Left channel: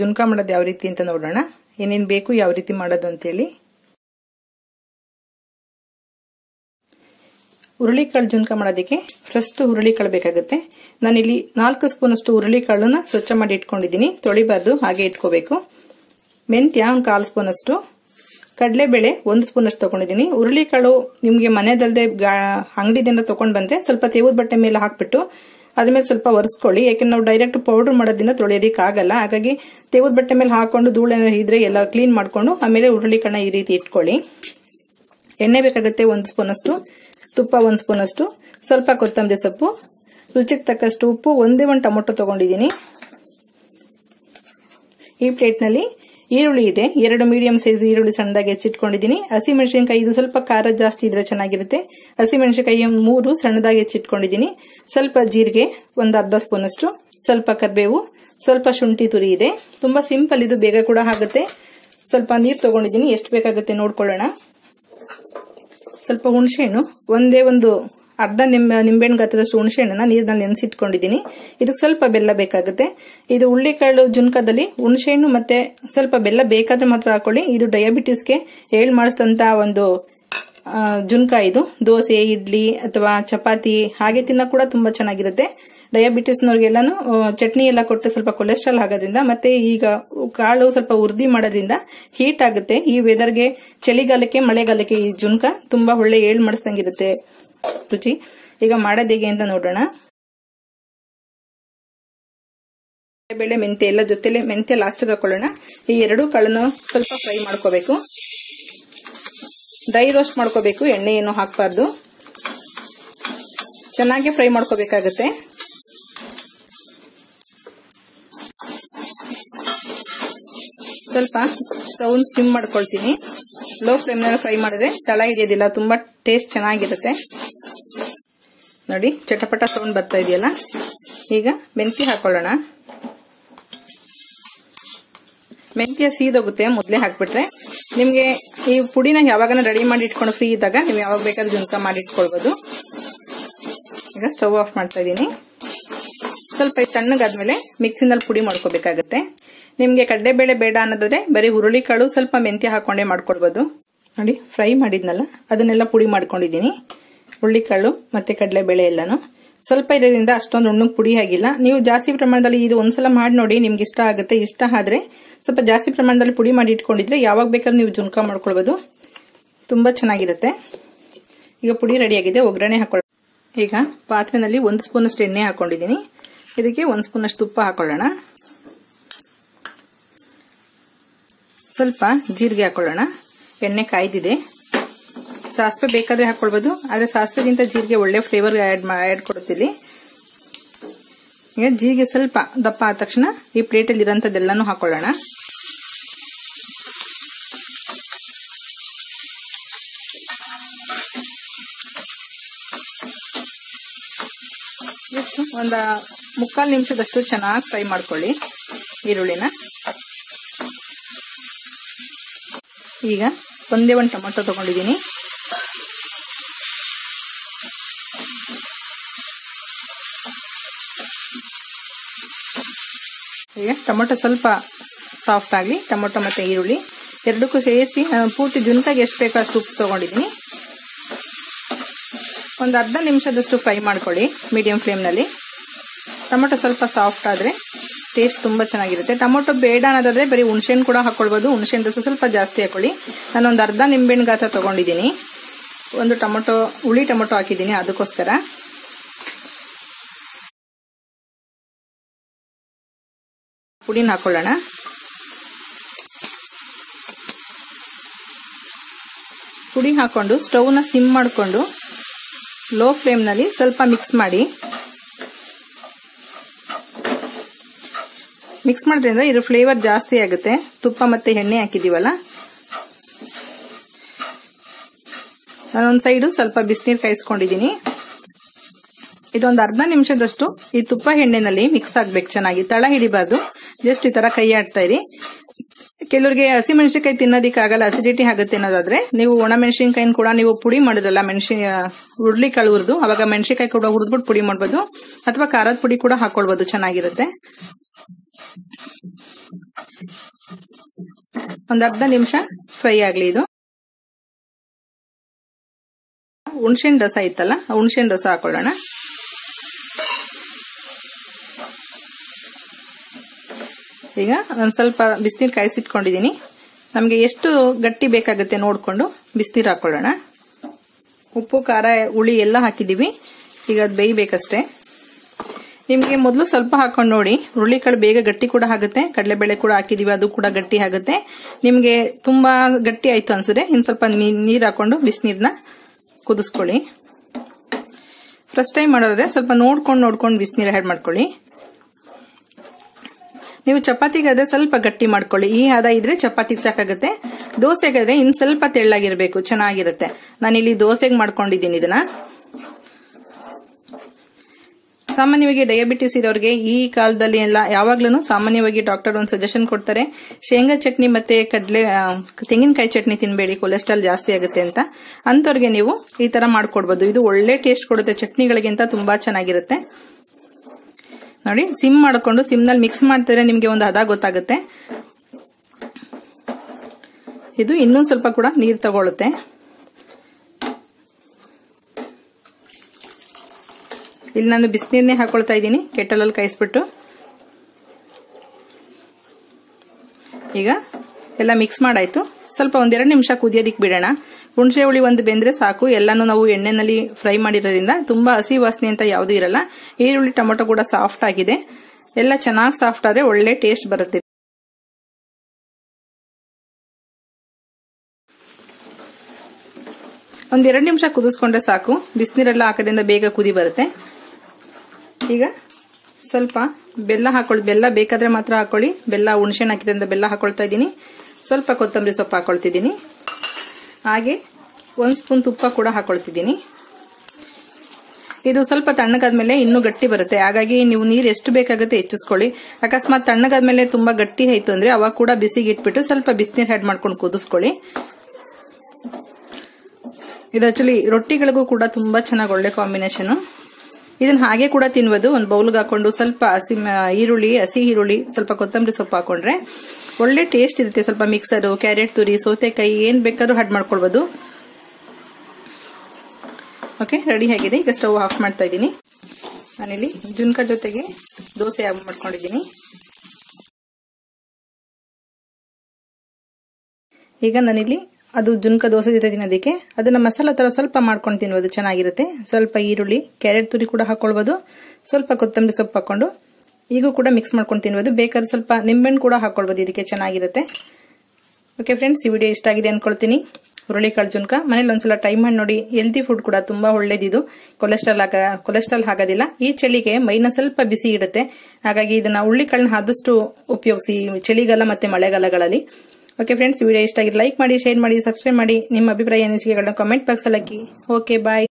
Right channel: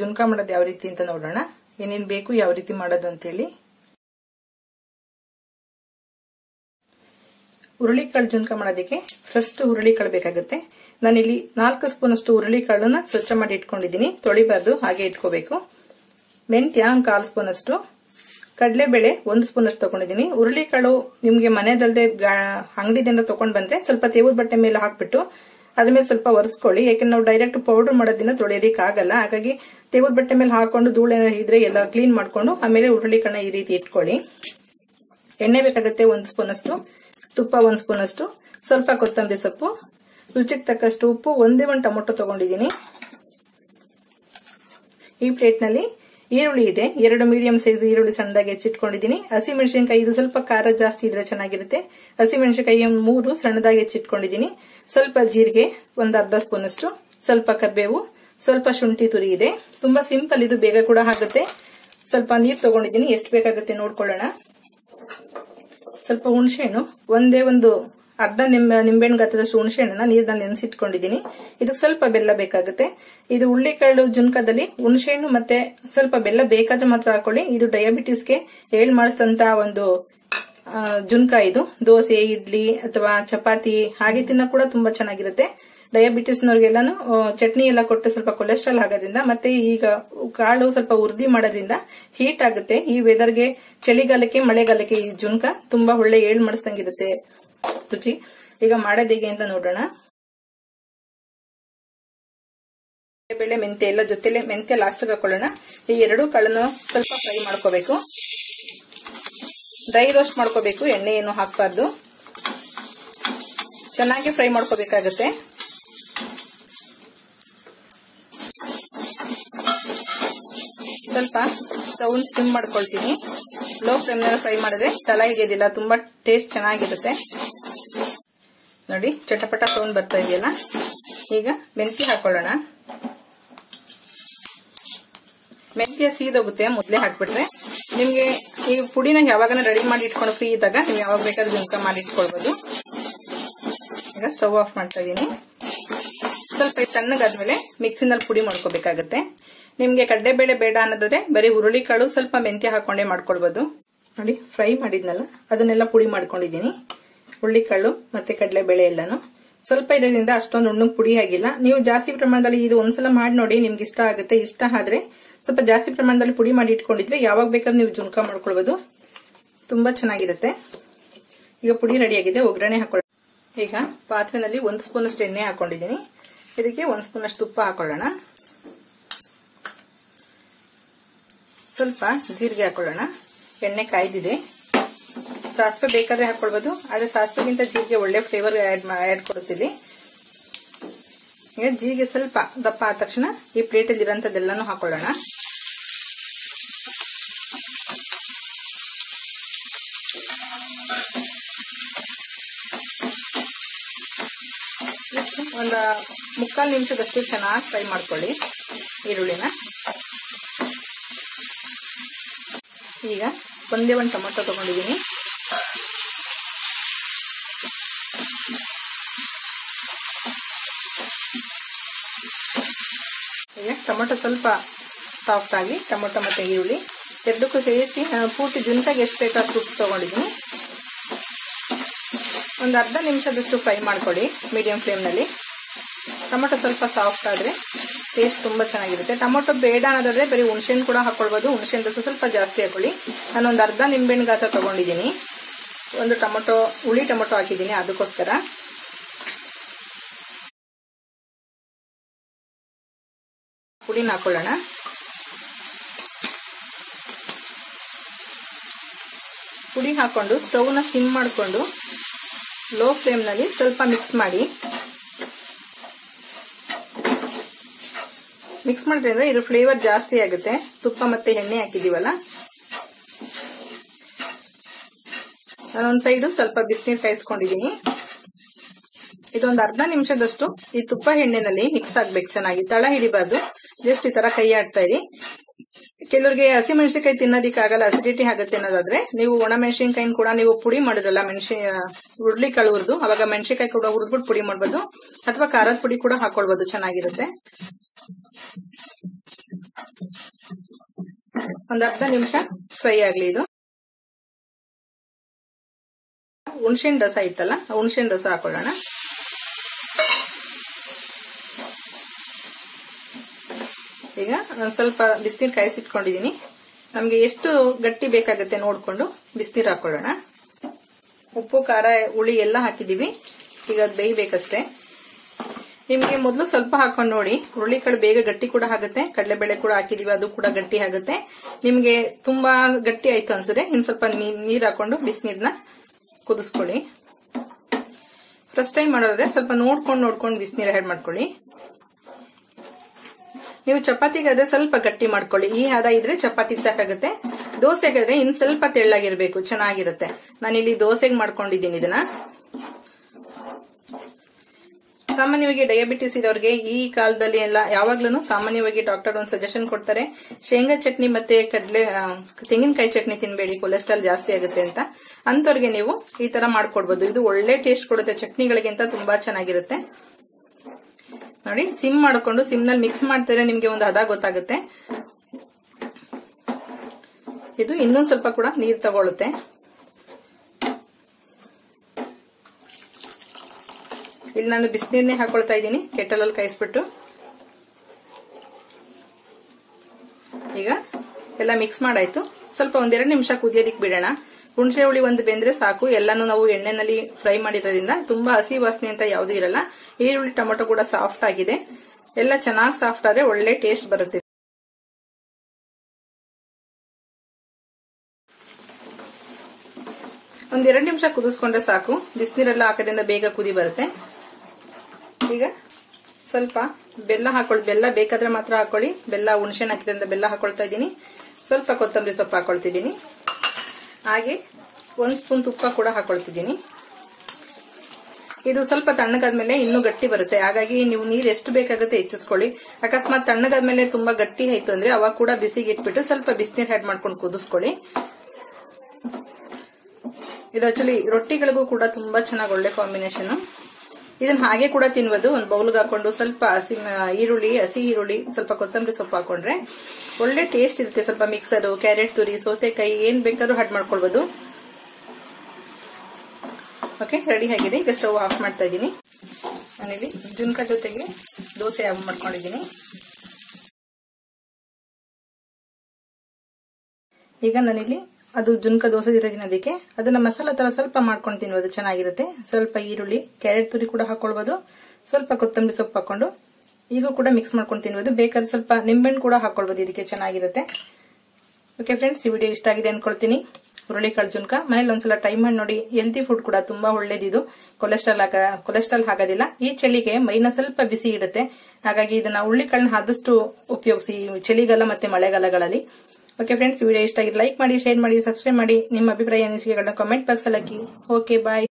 ಜುನ್ಕ ಮಾಡೋದು ಯಾವ ರೀತಿ ಅಂತ ನೋಡೋಣ. ಏನೇನು ಬೇಕು, ಯಾವ ರೀತಿ ಮಾಡೋದು ಅಂತೇಳಿ. ಹುರುಳಿಕಾಳು ಜುನ್ಕ ಮಾಡೋದಕ್ಕೆ ಫಸ್ಟ್ ಹುರುಳಿಕಾಳು ಬೇಕಾಗುತ್ತೆ. ನಾನಿಲ್ಲಿ 4 ಸ್ಪೂನ್ ಅಷ್ಟು ಹುರುಳಿಕಾಳನ್ನ ಸ್ವಚ್ಛ ಮಾಡಿ ಇಟ್ಕೊಂಡಿದ್ದೀನಿ. ತೊಳಿಬಾರ್ದು, ಹಾಗೆ ಇಟ್ಕೋಬೇಕು. ಮೆಂತ್ಯ 1/4 ಸ್ಪೂನ್ ಅಷ್ಟು, ಕಡಲೆಬೇಳೆ 1 ಸ್ಪೂನ್ ಅಷ್ಟು ತಗೊಂಡಿದ್ದೀನಿ. ಹುರುಳಿಕಾಳು ನಿಮ್ಗೆ ಮನೆಯದಲ್ಲದೆ ಅಂಗಡಿದಿಂದ ತಗೊಂಡ್ ಬಂದ್ರೆ ಸ್ವಲ್ಪ ತೇವದ ಬಟ್ಟೆ ಮೇಲೆ ಹಾಕ್ಬಿಟ್ಟು ಅದ್ರ ಮೇಲೆ ಸ್ವಲ್ಪ ಒರೆಸ್ಕೊಳ್ಳಿ. ಯಾಕೆಂದ್ರೆ ನಾವು ಡೈರೆಕ್ಟ್ ಪೌಡರ್ ಮಾಡೋದ್ರಿಂದ ತೊಳೆಯೋದಕ್ಕೆ ಆಗಲ್ಲ. ಹಾಗಾಗಿ ತೇವದ ಬಟ್ಟೆ ಮೇಲೆ ಹಾಕೊಂಡು ಧೂಳು ಇದ್ರೆ ಎಲ್ಲ ಕ್ಲೀನ್ ಮಾಡ್ಕೊಂಡು ಆಮೇಲೆ ಹುರುಳಿಕಾಳನ್ನ ಈ ರೀತಿ ಇಟ್ಕೊಳ್ಳಿ. ಎಣ್ಣೆ ಬೇಕಾಗುತ್ತೆ 1 ಸ್ಪೂನ್ ಅಷ್ಟು, ತುಪ್ಪ 1 ಸ್ಪೂನ್ ಅಷ್ಟು, ಸ್ವಲ್ಪ ಕೊತ್ತಂಬರಿ ಸೊಪ್ಪು, ರುಚಿಗೆ ತಕ್ಕಷ್ಟು ಉಪ್ಪು, ಒಂದೇ ಒಂದು ಟೊಮೊಟೊ ತಗೊಂಡಿದ್ದೀನಿ. ಈ ಪ್ಲೇಟ್ ನಲ್ಲಿ ಈರುಳ್ಳಿ ಇದೆ, 2 ಮೀಡಿಯಂ ಸೈಜ್ ಈರುಳ್ಳಿ ಸಣ್ಣದಾಗಿ ಹೆಚ್ಚಿಟ್ಕೊಂಡಿದ್ದೀನಿ. ಹಸಿಮೆಣಸಿನಕಾಯಿ, ಇದು ಸ್ವಲ್ಪ ಖಾರ ಜಾಸ್ತಿ ಇದ್ರೆ ಚೆನ್ನಾಗಿರುತ್ತೆ. ಹಸಿಮೆಣಸಿನಕಾಯಿ 3 ಸಣ್ಣದಾಗಿ ಹೆಚ್ಚಿಟ್ಕೊಂಡಿದ್ದೀನಿ. ಸ್ವಲ್ಪ ಜೀರಿಗೆ 1/2 ಸ್ಪೂನ್ ಅಷ್ಟು, ಸ್ವಲ್ಪ ಕರಿಬೇವು, ಸ್ವಲ್ಪ ಶುಂಠಿ ತುರಿ ಇದೆ. ತುಂಬಾ ಸಿಂಪಲ್, ಇದು ಬೇಗ ಕೂಡ ಆಗುತ್ತೆ. ಸ್ವಲ್ಪ ನೀರು ತಗೊಂಡಿದ್ದೀನಿ, ಎಷ್ಟು ಬೇಕಾಗುತ್ತೆ ನೋಡ್ಕೊಳ್ಳೋಣ. ಸ್ವಲ್ಪ ಹುಣಸೆಹಣ್ಣು, ಒಂದೇ ಒಂದು ಅರ್ಧ ನಿಂಬೆಹಣ್ಣು ಗಾತ್ರದಷ್ಟು ಹುಣಸೆಹಣ್ಣನ್ನ ನೀರಿನಲ್ಲಿ ನೆನೆಸಿಟ್ಕೊಂಡಿದ್ದೀನಿ. ಇದಕ್ಕೆ ಸ್ವಲ್ಪ ಬೆಲ್ಲ ಬೇಕಾಗುತ್ತೆ. ಇದು ಹುರುಳಿಕಾಳು ಜುನ್ಕದಲ್ಲಿ ಹುಣಸೆಹಣ್ಣು ಮತ್ತೆ ಸ್ವಲ್ಪ ಬೆಲ್ಲ ಬೇಕಾದ್ರೆ ಮಾತ್ರ ಹಾಕೊಳ್ಳಿ. ಇದು ಡಯಾಬಿಟಿಸ್ಗೆ ಹೇಳಿ ಮಾಡಿಸಿದಂತ ಒಂದು ಜುನ್ಕ. ಇದು ದೋಸೆ, ಇಡ್ಲಿ ಅಥವಾ ಚಪಾತಿ ಹಾಗೆ ತಿನ್ನ ಕೂಡ ತುಂಬಾ ಚೆನ್ನಾಗಿರುತ್ತೆ. ಡಯಾಬಿಟಿಸ್ನವ್ರಿಗೆಲ್ಲಾನು ಚಟ್ನಿ ಎಲ್ಲ ಕೊಟ್ಟು ಸ್ವಲ್ಪ ಕೊಲೆಸ್ಟ್ರಾಲ್ ಆಗೋದ್ರಿಂದ, ಮತ್ತೆ ಈಗ ಕಾಳು ಸ್ವಲ್ಪ ಉರ್ದಿ ಮಾಡೋದ್ರಿಂದ ಹೀಟ್ ಆಗುತ್ತೆ. ಈ ವೆದರ್ಗೆ, ಚಳಿಗಾಲಕ್ಕೆ ಮಳೆಗಾಲಕ್ಕೆ ಈ ಜುನ್ಕ ತುಂಬಾ ಒಳ್ಳೆ ಏಳ್ ಮಾಡಿಸ್ದಂಗಿರುತ್ತೆ ರುಚಿ. ಈಗ ಮಾಡೋದು ಹೇಗೆ ಅಂತ ನೋಡೋಣ. ಬೇಳೆ ಮೆಂತ್ಯ ಎಲ್ಲ ಜೊತೆಲೆ, ಮೆಂತ್ಯ ಲಾಸ್ಟ್ ಹಾಕೊಳ್ಳೋಣ. ಈ 2 ಕಾಳನ್ನು ಸ್ವಲ್ಪ ಫ್ರೈ ಮಾಡ್ಕೋಬೇಕು. ಡ್ರೈ ರೋಸ್ಟ್ ಮಾಡ್ಕೋಬೇಕು, ಎಣ್ಣೆ ಏನು ಹಾಕಬಾರ್ದು. ಚೆನ್ನಾಗಿ ಫ್ರೈ ಮಾಡ್ಕೋಬೇಕಾಗತ್ತೆ. ಸ್ವಲ್ಪ ಸ್ಟವ್ ಸಿಮ್ ಮಾಡ್ಕೊಳ್ತೀನಿ. ಲೋ ಫ್ಲೇಮ್ ನಲ್ಲಿ ಫ್ರೈ ಮಾಡಿದ್ರೆ ತಳ ಹಿಡಿಯೋದಿಲ್ಲ, ತುಂಬಾ ಟೇಸ್ಟ್ ಚೆನ್ನಾಗಿರುತ್ತೆ. ನೋಡಿ, ಚಟಪಟ ಸೌಂಡ್ ಬರ್ತಾ ಇದೆಯಲ್ಲ. ಈಗ ಮೆಂತ್ಯ ಹಾಕೊಳ್ಳೋಣ. ಮೆಂತ್ಯ ಸೀದೋಗುತ್ತೆ ಮೊದಲೇ ಹಾಕ್ಬಿಟ್ರೆ. ನಿಮ್ಗೆ ಈ ಪುಡಿನ ಯಾವಾಗ ರೆಡಿ ಮಾಡಿ ಇಟ್ಕೊಂಡು ಫ್ರೀ ಇದ್ದಾಗ ನೀವು ಯಾವಾಗ ಬೇಕಾದ್ರೂ ಜುನ್ಕ ಮಾಡಿ ಇಟ್ಕೊಳ್ಬಹುದು. ಈಗ ಸ್ಟವ್ ಆಫ್ ಮಾಡ್ತಾ ಇದೀನಿ. ಸ್ವಲ್ಪ ತಣ್ಣಗಾದ್ಮೇಲೆ ಮಿಕ್ಸಿನಲ್ಲಿ ಪುಡಿ ಮಾಡ್ಕೋಬೇಕಾಗತ್ತೆ. ನಿಮ್ಗೆ ಕಡಲೆಬೇಳೆ ಬೇಡ ಅನ್ನೋದಾದ್ರೆ ಬರೀ ಹುರುಳಿಕಾಳು ಸ್ವಲ್ಪ ಮೆಂತ್ಯ ಹಾಕೊಂಡೇ ಮಾಡ್ಕೊಳ್ಬಹುದು. ನೋಡಿ, ಫ್ರೈ ಮಾಡಿದ್ನಲ್ಲ ಅದನ್ನೆಲ್ಲ ಪುಡಿ ಮಾಡ್ಕೊಂಡಿದ್ದೀನಿ. ಹುರುಳಿಕಾಳು ಮತ್ತೆ ಕಡಲೆಬೇಳೆ ಎಲ್ಲಾನು ಸ್ವಲ್ಪ ಇರೋದ್ರಿಂದ ಅಷ್ಟೊಂದು ನುಣ್ಣಗೆ ಪುಡಿ ಆಗಿಲ್ಲ. ನೀವು ಜಾಸ್ತಿ ಪ್ರಮಾಣದಲ್ಲಿ ಇದು ಒಂದ್ಸಲ ಮಾಡಿ ನೋಡಿ, ನಿಮ್ಗೆ ಇಷ್ಟ ಆಗುತ್ತೆ. ಇಷ್ಟ ಆದ್ರೆ ಸ್ವಲ್ಪ ಜಾಸ್ತಿ ಪ್ರಮಾಣದಲ್ಲಿ ಪುಡಿ ಮಾಡಿ ಇಟ್ಕೊಂಡಿದ್ರೆ ಯಾವಾಗ ಬೇಕಾದ್ರೂ ನೀವು ಜುನ್ಕ ಮಾಡ್ಕೊಳ್ಬಹುದು. ತುಂಬಾ ಚೆನ್ನಾಗಿರುತ್ತೆ. ಈಗ ಪುಡಿ ರೆಡಿಯಾಗಿದೆ, ಒಗ್ಗರಣೆ ಹಾಕೊಳ್ಳೋಣ. ಈಗ ಪಾತ್ರೆನಲ್ಲಿ 1 ಸ್ಪೂನ್ ಅಷ್ಟು ಎಣ್ಣೆ ಹಾಕೊಂಡಿದ್ದೀನಿ. ಇದಕ್ಕೆ 1 ಸ್ಪೂನ್ ಅಷ್ಟು ತುಪ್ಪ ಹಾಕೊಳ್ಳೋಣ. ಸ್ವಲ್ಪ ಜೀರಿಗೆ ಹಾಕೊಳ್ಳೋಣ. ಎಣ್ಣೆ ಕಾಯ್ದಿದೆ. ಸಾಸಿವೆ ಬೇಕಾದ್ರೆ ಹಾಕೊಳ್ಬಹುದು, ಆದ್ರೆ ಸಾಸಿವೆಗಿಂತ ಜೀರಿಗೆ ಒಳ್ಳೆ ಫ್ಲೇವರ್ ಆಡ್ ಕೊಡುತ್ತಿಲ್ಲಿ. ಈಗ ಜೀರಿಗೆ ಸ್ವಲ್ಪ ದಪ್ಪ ಆದ ತಕ್ಷಣ ಈ ಪ್ಲೇಟಲ್ಲಿ ಇರೋಂಥದ್ದೆಲ್ಲಾನು ಹಾಕೊಳ್ಳೋಣ. ಒಂದು 3/4 ನಿಮಿಷದಷ್ಟು ಚೆನ್ನಾಗಿ ಫ್ರೈ ಮಾಡ್ಕೊಳ್ಳಿ ಈರುಳ್ಳಿನ. ಈಗ ಒಂದೇ ಒಂದು ಟೊಮೆಟೊ ತಗೊಂಡಿದ್ದೀನಿ. ಈಗ ಟೊಮೆಟೊ ಸ್ವಲ್ಪ ಸಾಫ್ಟ್ ಆಗಲಿ. ಟೊಮೆಟೊ ಮತ್ತೆ ಈರುಳ್ಳಿ ಎರಡಕ್ಕೂ ಸೇರಿಸಿ ನಾನು ಪೂರ್ತಿ ಜುನ್ಕಾಗೆ ಎಷ್ಟು ಬೇಕೋ ಅಷ್ಟು ಉಪ್ಪು ತಗೊಂಡಿದ್ದೀನಿ. ಒಂದು ಅರ್ಧ ನಿಮಿಷದಷ್ಟು ಫ್ರೈ ಮಾಡ್ಕೊಳ್ಳಿ ಮೀಡಿಯಂ ಫ್ಲೇಮ್ನಲ್ಲಿ. ಟೊಮೆಟೊ ಸ್ವಲ್ಪ ಸಾಫ್ಟ್ ಆದರೆ ಟೇಸ್ಟ್ ತುಂಬಾ ಚೆನ್ನಾಗಿರುತ್ತೆ. ಟೊಮೆಟೊ ಬೇಡ ಅನ್ನೋದಾದ್ರೆ ಬರೀ ಹುಣಸೆಹಣ್ಣು ಕೂಡ ಹಾಕೊಳ್ಬಹುದು. ಹುಣಸೆಹಣ್ಣು ರಸ ಸ್ವಲ್ಪ ಜಾಸ್ತಿ ಹಾಕೊಳ್ಳಿ. ನಾನು ಒಂದು ಅರ್ಧ ನಿಂಬೆಹಣ್ಣು ಗಾತ್ರ ತಗೊಂಡಿದ್ದೀನಿ. ಒಂದು ಟೊಮೆಟೊ, ಹುಳಿ ಟೊಮೆಟೊ ಹಾಕಿದ್ದೀನಿ ಅದಕ್ಕೋಸ್ಕರ. ಪುಡಿನ ಹಾಕೊಳ್ಳೋಣ. ಪುಡಿ ಹಾಕೊಂಡು ಸ್ಟವ್ನ ಸಿಮ್ ಮಾಡಿಕೊಂಡು ಲೋ ಫ್ಲೇಮ್ನಲ್ಲಿ ಸ್ವಲ್ಪ ಮಿಕ್ಸ್ ಮಾಡಿ. ಮಿಕ್ಸ್ ಮಾಡೋದ್ರಿಂದ ಇದ್ರ ಫ್ಲೇವರ್ ಜಾಸ್ತಿ ಆಗುತ್ತೆ. ತುಪ್ಪ ಮತ್ತೆ ಎಣ್ಣೆ ಹಾಕಿದೀವಲ್ಲ. ನಾನೊಂದ್ ಸೈಡು ಸ್ವಲ್ಪ ಬಿಸಿನೀರು ಕಾಯಿಸ್ಕೊಂಡಿದ್ದೀನಿ. ಇದೊಂದು ಅರ್ಧ ನಿಮಿಷದಷ್ಟು ಈ ತುಪ್ಪ ಎಣ್ಣೆನಲ್ಲಿ ಮಿಕ್ಸ್ ಆಗ್ಬೇಕು ಚೆನ್ನಾಗಿ. ತಳ ಹಿಡಿಬಾರ್ದು, ಜಸ್ಟ್ ಈ ತರ ಕೈ ಆಡ್ತಾ ಇರಿ. ಕೆಲವರಿಗೆ ಹಸಿಮೆಣಸಿನಕಾಯಿ ತಿನ್ನೋದಕ್ಕಾಗಲ್ಲ, ಅಸಿಡಿಟಿ ಆಗುತ್ತೆ ಅನ್ನೋದಾದ್ರೆ ನೀವು ಒಣ ಮೆಣಸಿನಕಾಯಿನ ಕೂಡ ನೀವು ಪುಡಿ ಮಾಡೋದಲ್ಲ, ಹುರುಳಿಕಾಳು ಹುರಿದು ಅವಾಗ ಮೆಣಸಿನಕಾಯಿ ಕೂಡ ಹುರಿದ್ಬಿಟ್ಟು ಪುಡಿ ಮಾಡಬಹುದು, ಅಥವಾ ಖಾರದ ಪುಡಿ ಕೂಡ ಹಾಕೊಳ್ಬಹುದು, ಚೆನ್ನಾಗಿರುತ್ತೆ. ಒಂದು ಅರ್ಧ ನಿಮಿಷ ಫ್ರೈ ಆಗಲಿ. ಇದು ಹುಣಸೆಹಣ್ಣು ರಸ ಇತ್ತಲ್ಲ, ಹುಣಸೆಹಣ್ಣು ರಸ ಹಾಕೊಳ್ಳೋಣ. ಈಗ ಒಂದು ಸ್ವಲ್ಪ ಬಿಸಿನೀರು ಕಾಯಿಸಿಟ್ಕೊಂಡಿದ್ದೀನಿ. ನಮಗೆ ಎಷ್ಟು ಗಟ್ಟಿ ಬೇಕಾಗುತ್ತೆ ನೋಡ್ಕೊಂಡು ಬಿಸಿನೀರು ಹಾಕೊಳ್ಳೋಣ. ಉಪ್ಪು ಖಾರ ಹುಳಿ ಎಲ್ಲ ಹಾಕಿದೀವಿ. ಈಗ ಅದು ಬೇಯಬೇಕಷ್ಟೇ. ನಿಮಗೆ ಮೊದಲು ಸ್ವಲ್ಪ ಹಾಕೊಂಡು ನೋಡಿ, ಹುರುಳಿಕಾಳು ಬೇಗ ಗಟ್ಟಿ ಕೂಡ ಆಗುತ್ತೆ. ಕಡಲೆಬೇಳೆ ಕೂಡ ಹಾಕಿದೀವಿ, ಅದು ಕೂಡ ಗಟ್ಟಿ ಆಗುತ್ತೆ. ನಿಮಗೆ ತುಂಬಾ ಗಟ್ಟಿ ಆಯ್ತು ಅನ್ಸಿದ್ರೆ ಇನ್ನು ಸ್ವಲ್ಪ ನೀರು ಹಾಕೊಂಡು ಬಿಸಿನೀರನ್ನ ಕುದಿಸ್ಕೊಳ್ಳಿ. ಫಸ್ಟ್ ಟೈಮ್ ಮಾಡೋದ್ರೆ ಸ್ವಲ್ಪ ನೋಡ್ಕೊಂಡು ಬಿಸಿನೀರು ಆಡ್ ಮಾಡ್ಕೊಳ್ಳಿ. ನೀವು ಚಪಾತಿಗಾದ್ರೆ ಸ್ವಲ್ಪ ಗಟ್ಟಿ ಮಾಡ್ಕೊಳ್ಳಿ. ಈ ಹದ ಇದ್ರೆ ಚಪಾತಿಗೆ ಸಾಕಾಗುತ್ತೆ. ದೋಸೆಗಾದ್ರೆ ಇನ್ನು ಸ್ವಲ್ಪ ತೆಳ್ಳಾಗಿರ್ಬೇಕು, ಚೆನ್ನಾಗಿರುತ್ತೆ. ನಾನಿಲ್ಲಿ ದೋಸೆಗೆ ಮಾಡ್ಕೊಂಡಿದ್ದೀನಿ ಇದನ್ನ. ಸಾಮಾನ್ಯವಾಗಿ ಡಯಾಬಿಟಿಸ್ ಇರೋರಿಗೆ ಈ ಕಾಲದಲ್ಲಿ ಎಲ್ಲ ಯಾವಾಗ್ಲೂ ಸಾಮಾನ್ಯವಾಗಿ ಡಾಕ್ಟರ್ ಒಂದು ಸಜೆಷನ್ ಕೊಡ್ತಾರೆ, ಶೇಂಗಾ ಚಟ್ನಿ ಮತ್ತೆ ತೆಂಗಿನಕಾಯಿ ಚಟ್ನಿ ತಿನ್ಬೇಡಿ, ಕೊಲೆಸ್ಟ್ರಾಲ್ ಜಾಸ್ತಿ ಆಗುತ್ತೆ ಅಂತ. ಅಂತವ್ರಿಗೆ ನೀವು ಈ ತರ ಮಾಡ್ಕೊಡ್ಬೋದು. ಇದು ಒಳ್ಳೆ ಟೇಸ್ಟ್ ಕೊಡುತ್ತೆ, ಚಟ್ನಿಗಳಿಗಿಂತ ತುಂಬಾ ಚೆನ್ನಾಗಿರುತ್ತೆ. ನೋಡಿ, ಸಿಮ್ ಮಾಡ್ಕೊಂಡು ಸಿಮ್ನಲ್ಲಿ ಮಿಕ್ಸ್ ಮಾಡ್ತಾರೆ, ನಿಮ್ಗೆ ಒಂದು ಹದ ಗೊತ್ತಾಗುತ್ತೆ. ಇದು ಇನ್ನೊಂದು ಸ್ವಲ್ಪ ಕೂಡ ನೀರು ತಗೊಳುತ್ತೆ. ಇಲ್ಲಿ ನಾನು ಬಿಸಿನೀರನ್ನೇ ಹಾಕೊಳ್ತಾ ಇದ್ದೀನಿ, ಕೆಟಲಲ್ಲಿ ಕಾಯಿಸ್ಬಿಟ್ಟು. ಈಗ ಎಲ್ಲ ಮಿಕ್ಸ್ ಮಾಡಾಯ್ತು. ಸ್ವಲ್ಪ ಒಂದೆರಡು ನಿಮಿಷ ಕುದಿಯೋದಿಕ್ ಬಿಡೋಣ. ಹುಣಸೆ ಹುಳಿ ಒಂದು ಬೆಂದ್ರೆ ಸಾಕು. ಎಲ್ಲಾನು ನಾವು ಎಣ್ಣೆನಲ್ಲಿ ಫ್ರೈ ಮಾಡಿರೋದ್ರಿಂದ ತುಂಬಾ ಹಸಿ ವಾಸನೆ ಅಂತ ಯಾವ್ದು ಇರಲ್ಲ. ಈರುಳ್ಳಿ ಟೊಮೊಟೊ ಕೂಡ ಸಾಫ್ಟ್ ಆಗಿದೆ. ಎಲ್ಲ ಚೆನ್ನಾಗಿ ಸಾಫ್ಟ್ ಆದ್ರೆ ಒಳ್ಳೆ ಟೇಸ್ಟ್ ಬರುತ್ತೆ. ಒಂದೆರಡು ನಿಮಿಷ ಕುದಿಸ್ಕೊಂಡ್ರೆ ಸಾಕು. ಬಿಸಿನೀರೆಲ್ಲ ಹಾಕೋದ್ರಿಂದ ಬೇಗ ಕುದಿ ಬರುತ್ತೆ. ಈಗ ಸ್ವಲ್ಪ ಬೆಲ್ಲ ಹಾಕೊಳ್ಳಿ. ಬೆಲ್ಲ ಬೇಕಾದ್ರೆ ಮಾತ್ರ ಹಾಕೊಳ್ಳಿ. ಬೆಲ್ಲ ಹುಣಸೆಹಣ್ಣು ಹಾಕಿದ್ರಿಂದ ಬೆಲ್ಲ ಹಾಕೊಳ್ತಾ ಇದ್ದೀನಿ. ಸ್ವಲ್ಪ ಕೊತ್ತಂಬರಿ ಸೊಪ್ಪು ಹಾಕೊಳ್ತಿದ್ದೀನಿ. ಹಾಗೆ 1 ಸ್ಪೂನ್ ತುಪ್ಪ ಕೂಡ ಹಾಕೊಳ್ತಿದ್ದೀನಿ. ಇದು ಸ್ವಲ್ಪ ತಣ್ಣಗಾದ್ಮೇಲೆ ಇನ್ನೂ ಗಟ್ಟಿ ಬರುತ್ತೆ. ಹಾಗಾಗಿ ನೀವು ನೀರು ಎಷ್ಟು ಬೇಕಾಗುತ್ತೆ ಹೆಚ್ಚಿಸ್ಕೊಳ್ಳಿ. ಅಕಸ್ಮಾತ್ ತಣ್ಣಗಾದ್ಮೇಲೆ ತುಂಬಾ ಗಟ್ಟಿ ಆಯ್ತು ಅಂದ್ರೆ ಅವಾಗ ಕೂಡ ಬಿಸಿಗೆ ಇಟ್ಬಿಟ್ಟು ಸ್ವಲ್ಪ ಬಿಸಿನೀರು ಆಡ್ ಮಾಡ್ಕೊಂಡು ಕುದಿಸ್ಕೊಳ್ಳಿ. ಇದು ಆಕ್ಚುಲಿ ರೊಟ್ಟಿಗಳಿಗೂ ಕೂಡ ತುಂಬಾ ಚೆನ್ನಾಗಿ ಒಳ್ಳೆ ಕಾಂಬಿನೇಷನ್. ಇದನ್ನ ಹಾಗೆ ಕೂಡ ತಿನ್ಬೋದು. ಒಂದು ಬೌಲ್ಗೆ ಹಾಕೊಂಡು ಸ್ವಲ್ಪ ಹಸಿ ಈರುಳ್ಳಿ, ಸ್ವಲ್ಪ ಕೊತ್ತಂಬರಿ ಸೊಪ್ಪು ಹಾಕೊಂಡ್ರೆ ಒಳ್ಳೆ ಟೇಸ್ಟ್ ಇರುತ್ತೆ. ಸ್ವಲ್ಪ ಮಿಕ್ಸರ್, ಕ್ಯಾರೆಟ್ ತುರಿ, ಸೌತೆಕಾಯಿ ಏನ್ ಬೇಕಾದ್ರೂ ಆಡ್ ಮಾಡ್ಕೊಳ್ಬಹುದು. ಓಕೆ, ರೆಡಿ ಆಗಿದೆ. ಈಗ ಸ್ಟವ್ ಆಫ್ ಮಾಡ್ತಾ ಇದ್ದೀನಿ. ನಾನಿಲ್ಲಿ ಜುನ್ಕ ಜೊತೆಗೆ ದೋಸೆ ಮಾಡ್ಕೊಂಡಿದ್ದೀನಿ. ಈಗ ನಾನಿಲ್ಲಿ ಅದು ಜುನ್ಕ ದೋಸೆ ಜೊತೆ ತಿನ್ನೋದಕ್ಕೆ ಅದನ್ನ ಮಸಾಲಾ ತರ ಸ್ವಲ್ಪ ಮಾಡ್ಕೊಂಡು ತಿನ್ಬೋದು, ಚೆನ್ನಾಗಿರುತ್ತೆ. ಸ್ವಲ್ಪ ಈರುಳ್ಳಿ, ಕ್ಯಾರೆಟ್ ತುರಿ ಕೂಡ ಹಾಕೊಳ್ಬಹುದು. ಸ್ವಲ್ಪ ಕೊತ್ತಂಬರಿ ಸೊಪ್ಪು ಹಾಕೊಂಡು ಈಗ ಕೂಡ ಮಿಕ್ಸ್ ಮಾಡ್ಕೊಂಡು ತಿನ್ಬೋದು. ಬೇಕಾದ್ರೆ ಸ್ವಲ್ಪ ನಿಂಬೆಹಣ್ಣು ಕೂಡ ಹಾಕೊಳ್ಬಹುದು, ಇದಕ್ಕೆ ಚೆನ್ನಾಗಿರುತ್ತೆ. ಓಕೆ ಫ್ರೆಂಡ್ಸ್, ಈ ವಿಡಿಯೋ ಇಷ್ಟ ಆಗಿದೆ ಅನ್ಕೊಳ್ತೀನಿ. ಹುರುಳಿಕಾಳು ಜುನ್ಕ ಮನೇಲಿ ಒಂದ್ಸಲ ಟ್ರೈ ಮಾಡಿ ನೋಡಿ. ಹೆಲ್ತಿ ಫುಡ್ ಕೂಡ ತುಂಬಾ ಒಳ್ಳೇದಿದು. ಕೊಲೆಸ್ಟ್ರಾಲ್ ಆಗೋದಿಲ್ಲ. ಈ ಚಳಿಗೆ ಮೈನ ಸ್ವಲ್ಪ ಬಿಸಿ ಇಡುತ್ತೆ. ಹಾಗಾಗಿ ಇದನ್ನ ಹುರುಳಿಕಾಳನ್ನ ಆದಷ್ಟು ಉಪಯೋಗಿಸಿ ಚಳಿಗಾಲ ಮತ್ತೆ ಮಳೆಗಾಲಗಳಲ್ಲಿ. ಓಕೆ ಫ್ರೆಂಡ್ಸ್, ವಿಡಿಯೋ ಇಷ್ಟ ಆಗಿದೆ ಲೈಕ್ ಮಾಡಿ, ಶೇರ್ ಮಾಡಿ, ಸಬ್ಸ್ಕ್ರೈಬ್ ಮಾಡಿ. ನಿಮ್ಮ ಅಭಿಪ್ರಾಯ ಅನಿಸಿಕೆಗಳನ್ನ ಕಾಮೆಂಟ್ ಬಾಕ್ಸ್ ಅಲ್ಲಿ ಹಾಕಿ. ಓಕೆ, ಬಾಯ್.